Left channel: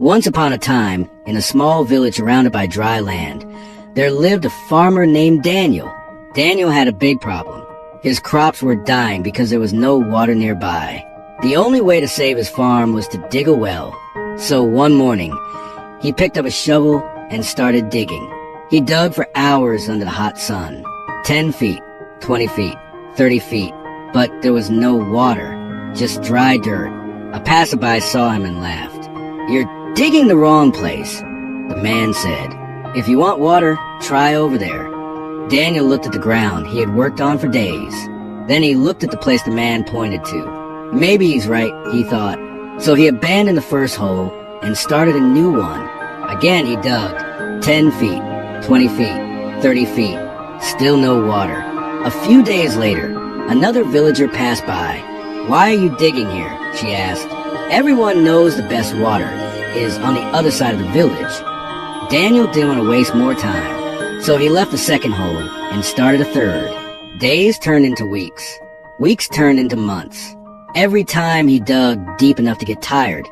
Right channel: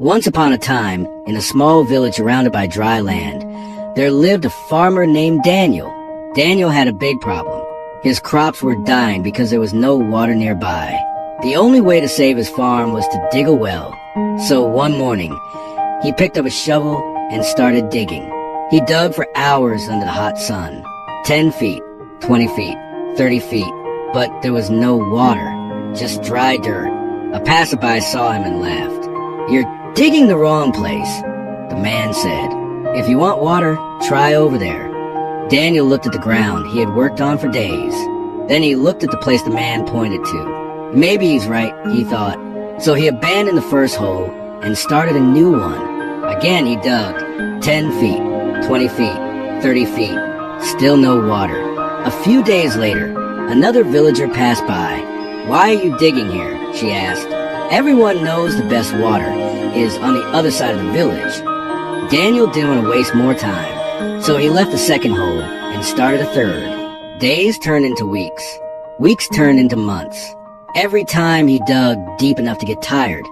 Once upon a time, in a small village surrounded by dry land, there lived a farmer named Daniel. Daniel had a big problem. His crops were dying because there was no water nearby. The only way to save his farm was to dig a well. So one morning, he picked up a shovel and started digging. He dug for hours under the hot sun. 10 feet, 20 feet, 30 feet. But there was no water, just dry dirt. A passerby saw him and laughed. "You're digging the wrong place," the man said. "If you want water, try over there." Daniel looked at the ground he had worked on for days. Then he looked at the place the man pointed to. Maybe he's right, he thought. So he abandoned the first hole and started a new one. Again he dug. 10 feet, 20 feet, 30 feet. Still no water. A few days later, another villager passed by. "Why are you digging here?" she asked. "Everyone knows the best water is on the other side of the village." Daniel didn't want to waste more time, so he left the second hole and started a third. Days turned into weeks. Weeks turned into months. Every time he dug deep enough to get tired,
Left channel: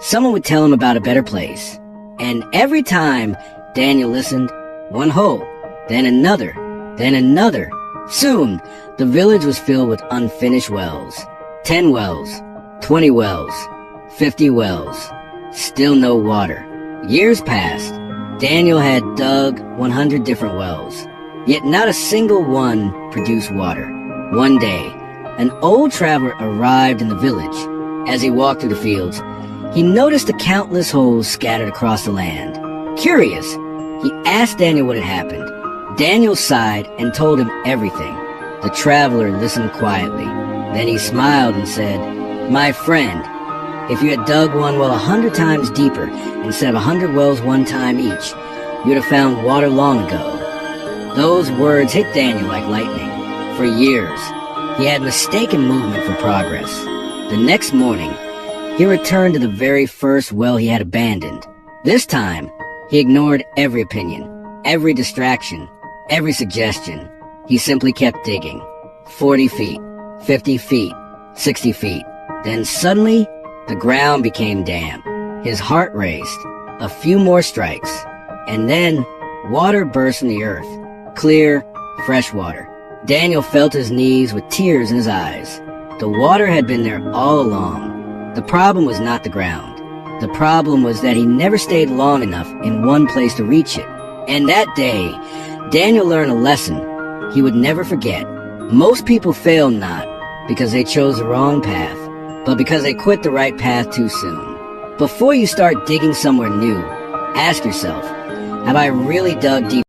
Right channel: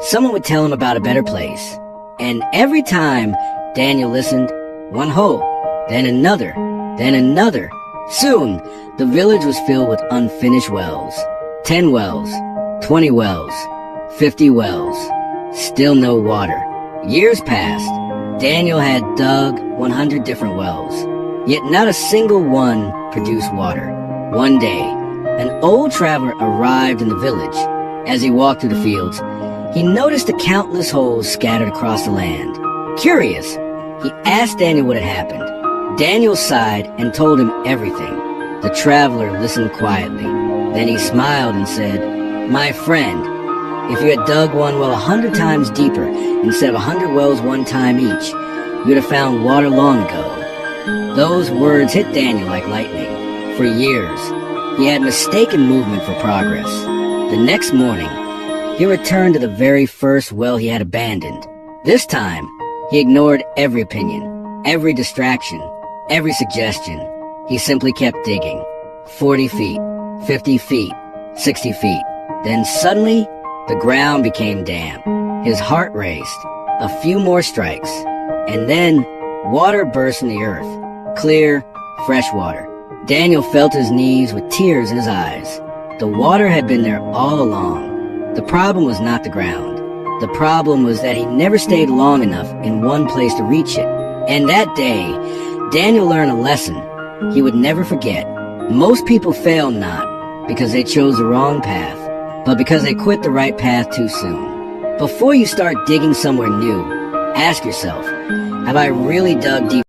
someone would tell him about a better place. And every time Daniel listened, one hole, then another, then another. Soon, the village was filled with unfinished wells. 10 wells, 20 wells, 50 wells. Still no water. Years passed. Daniel had dug 100 different wells, yet not a single one produced water. One day, an old traveler arrived in the village. As he walked through the fields, he noticed the countless holes scattered across the land. Curious, he asked Daniel what had happened. Daniel sighed and told him everything. The traveler listened quietly. Then he smiled and said, "My friend, if you had dug one well 100 times deeper instead of 100 wells one time each, you would have found water long ago." Those words hit Daniel like lightning. For years, he had mistaken movement for progress. The next morning, he returned to the very first well he had abandoned. This time, he ignored every opinion, every distraction, every suggestion. He simply kept digging. 40 feet, 50 feet, 60 feet. Then suddenly, the ground became damp. His heart raced. A few more strikes. And then, water burst from the earth. Clear, fresh water. Daniel felt his knees with tears in his eyes. The water had been there all along. The problem was not the ground. The problem was that he never stayed long enough in one place to reach it. And that day, Daniel learned a lesson he would never forget. Most people fail not because they chose the wrong path, but because they quit the right path too soon. Before you start digging somewhere new, ask yourself, have I really dug deep